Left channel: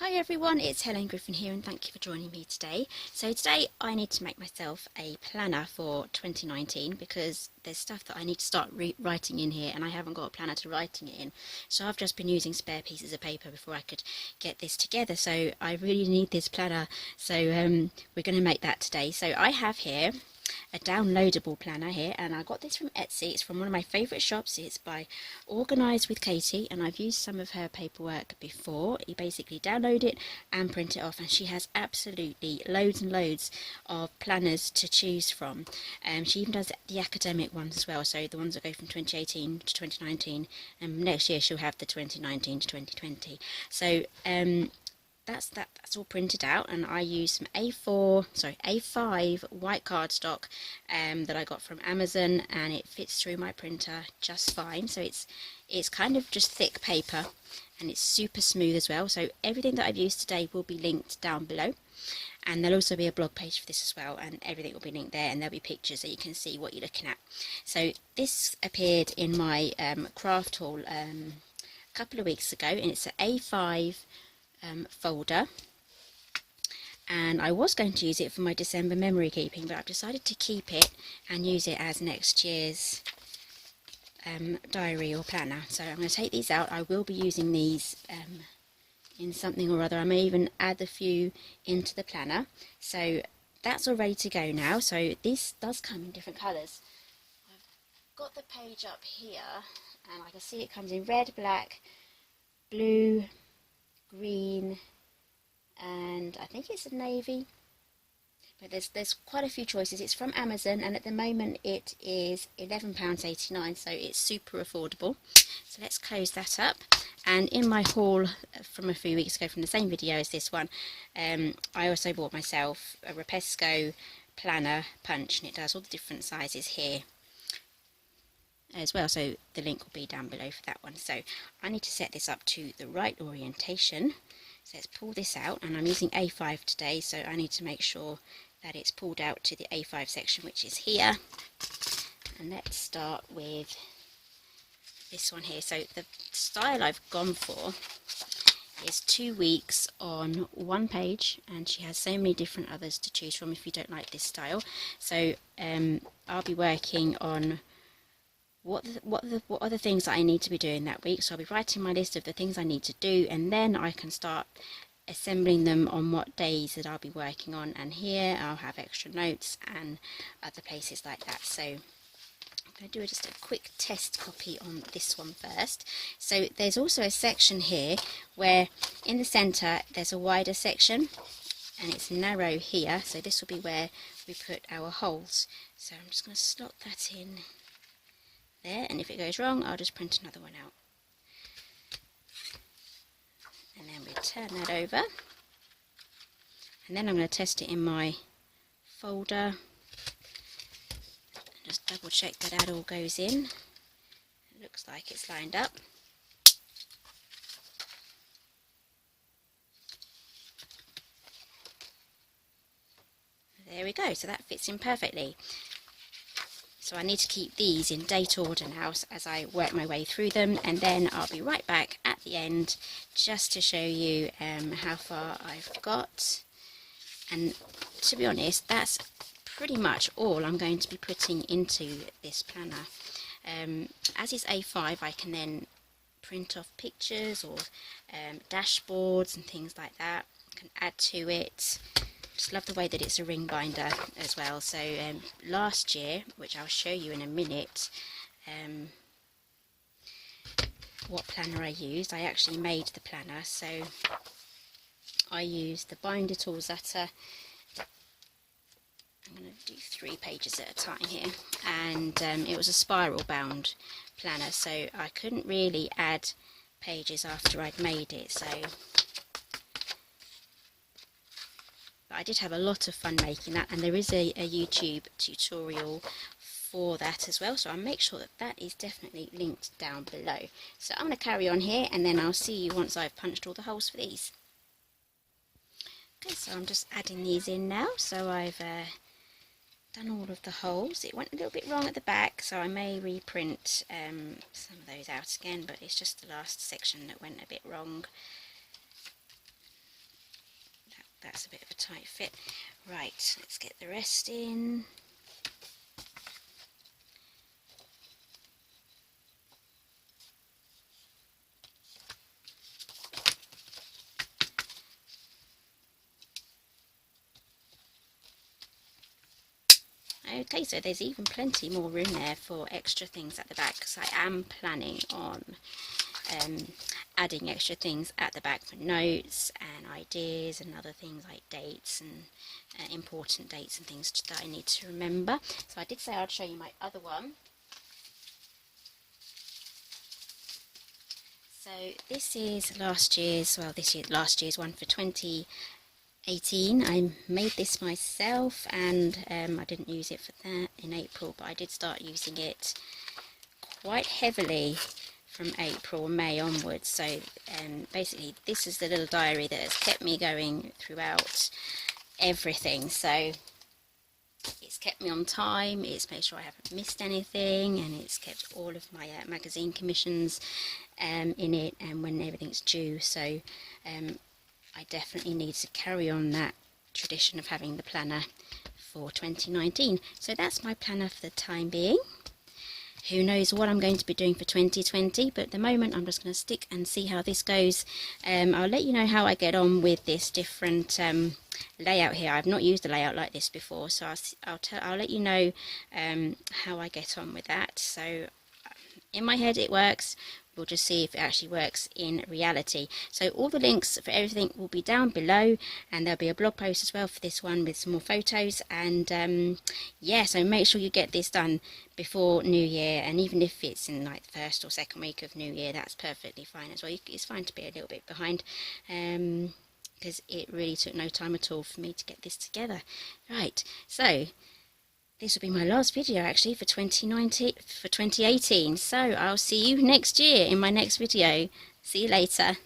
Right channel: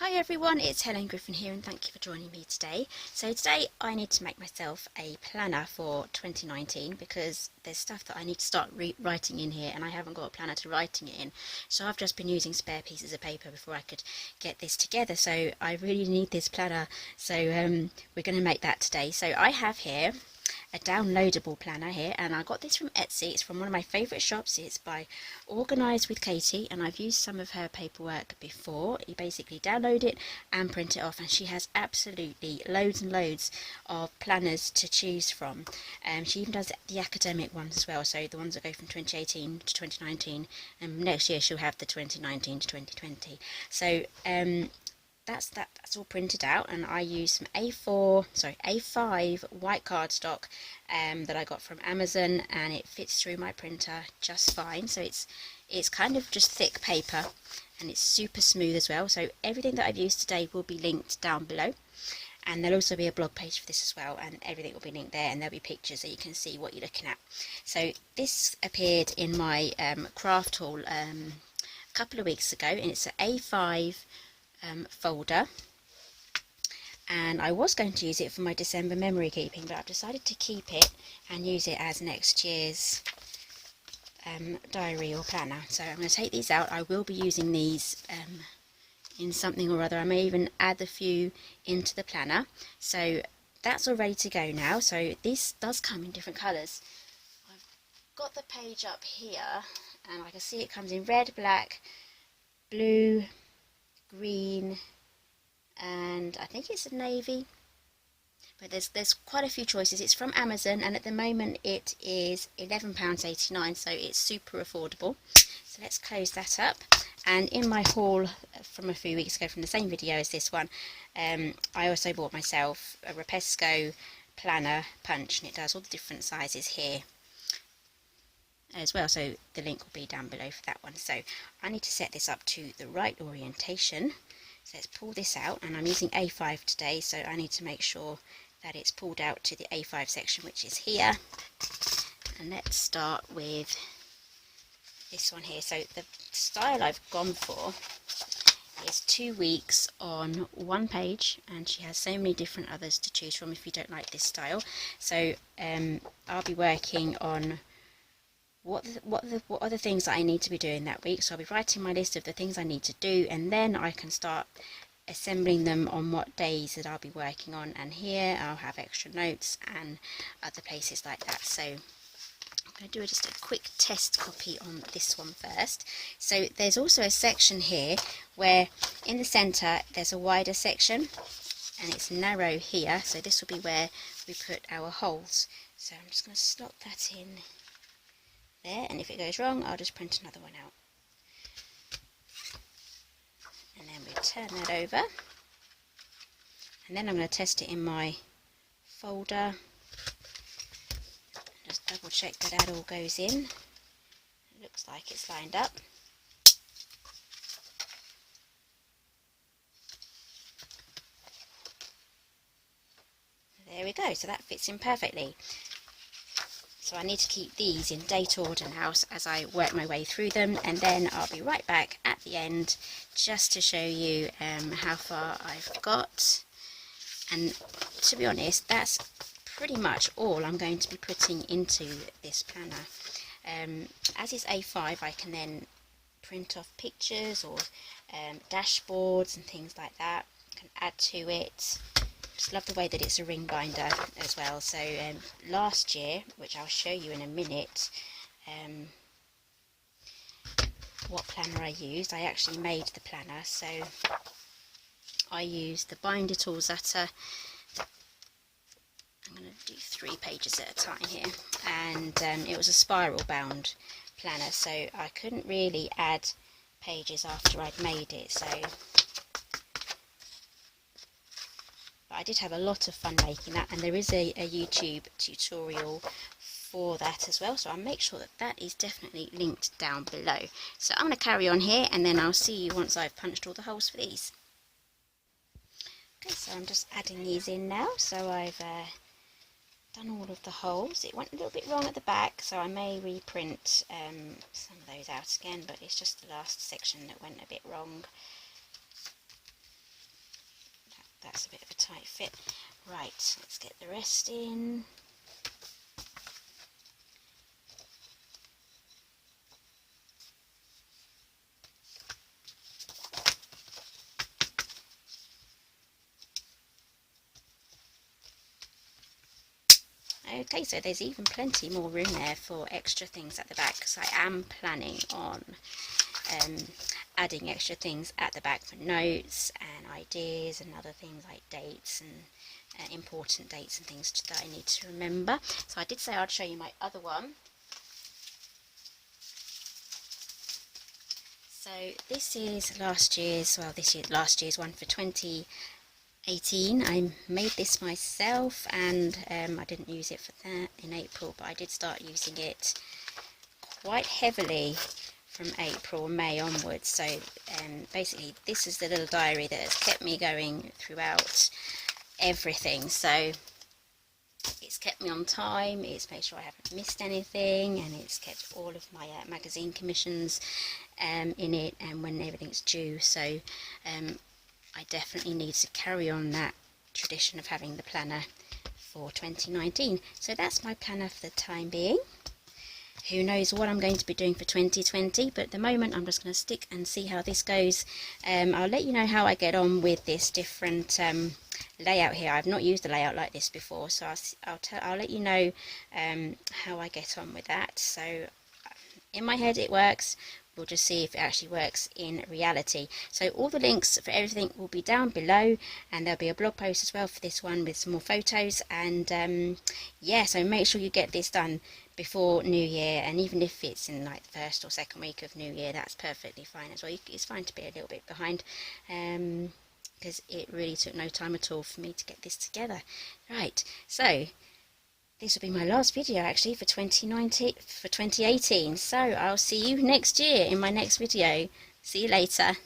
Hi everyone, it's Helen Griffin here and thank you for joining me today. So today I need to make myself a planner for 2019 because there's stuff that I need to start writing in here and I haven't got a planner to writing it in. So I've just been using spare pieces of paper before I could get this together. So I really need this planner. So we're going to make that today. So I have here a downloadable planner here, and I got this from Etsy. It's from one of my favourite shops. It's by Organiser with Katie, and I've used some of her paperwork before. You basically download it and print it off, and she has absolutely loads and loads of planners to choose from. She even does the academic ones as well, so the ones that go from 2018 to 2019, and next year she'll have the 2019 to 2020. So that's all printed out, and I use some A5 white cardstock that I got from Amazon, and it fits through my printer just fine. So it's kind of just thick paper and it's super smooth as well. So everything that I've used today will be linked down below, and there'll also be a blog page for this as well, and everything will be linked there, and there'll be pictures so you can see what you're looking at. So this appeared in my craft haul a couple of weeks ago, and it's an A5 folder, and I was going to use it for my December memory keeping, but I've decided to keep it and use it as next year's diary or planner. So I'm going to take these out. I will be using these in something or other. I may even add a few into the planner. So that's all ready to go now. So this does come in different colours. I've got the page up here, and I can see it comes in red, black, blue, green, and I think it's a navy, but there's quite a few choices. It's from Amazon, and at the moment it is £11.89, so it's super affordable. So let's close that up. And in my haul from a few weeks ago from the same video as this one, I also bought myself a Rapesco planner punch, and it does all the different sizes here as well, so the link will be down below for that one. So I need to set this up to the right orientation. So let's pull this out, and I'm using A5 today, so I need to make sure that it's pulled out to the A5 section, which is here. And let's start with this one here. So the style I've gone for is 2 weeks on one page, and she has so many different others to choose from if you don't like this style. So I'll be working on what are the things that I need to be doing that week. So I'll be writing my list of the things I need to do, and then I can start assembling them on what days that I'll be working on. And here I'll have extra notes and other places like that. So I'm going to do just a quick test copy on this one first. So there's also a section here where in the centre there's a wider section, and it's narrow here, so this will be where we put our holes. So I'm just going to slot that in there, and if it goes wrong I'll just print another one out. And then we turn that over, and then I'm going to test it in my folder. Just double check that that all goes in. It looks like it's lined up. There we go, so that fits in perfectly. So I need to keep these in date order now as I work my way through them, and then I'll be right back at the end just to show you how far I've got. And to be honest, that's pretty much all I'm going to be putting into this planner. As is A5, I can then print off pictures or dashboards and things like that. I can add to it. Just love the way that it's a ring binder as well. So last year, which I'll show you in a minute, what planner I used. I actually made the planner, so I used the binder tools at I'm going to do 3 pages at a time here, and it was a spiral bound planner, so I couldn't really add pages after I'd made it. So but I did have a lot of fun making that, and there is a YouTube tutorial for that as well, so I'll make sure that that is definitely linked down below. So I'm going to carry on here, and then I'll see you once I've punched all the holes for these. Okay, so I'm just adding these in now. So I've done all of the holes. It went a little bit wrong at the back, so I may reprint some of those out again, but it's just the last section that went a bit wrong. that's a bit of a tight fit. Right, let's get the rest in. Okay, so there's even plenty more room there for extra things at the back, because I am planning on adding extra things at the back for notes and ideas and other things like dates and important dates and things that I need to remember. So I did say I'd show you my other one. So this is last year's one for 2018. I made this myself, and I didn't use it for that in April, but I did start using it quite heavily from April, May onwards. So basically this is the little diary that has kept me going throughout everything. So it's kept me on time, it's made sure I haven't missed anything, and it's kept all of my magazine commissions in it, and when everything's due. So I definitely need to carry on that tradition of having the planner for 2019. So that's my planner for the time being. Who knows what I'm going to be doing for 2020, but at the moment I'm just going to stick and see how this goes. I'll let you know how I get on with this different layout here. I've not used a layout like this before, so I'll let you know how I get on with that. So in my head it works. We'll just see if it actually works in reality. So all the links for everything will be down below, and there'll be a blog post as well for this one with some more photos. And yeah, so make sure you get this done before New Year, and even if it's in like the first or second week of New Year, that's perfectly fine as well. It's fine to be a little bit behind, because it really took no time at all for me to get this together. Right, so this will be my last video actually for 2018. So I'll see you next year in my next video. See you later.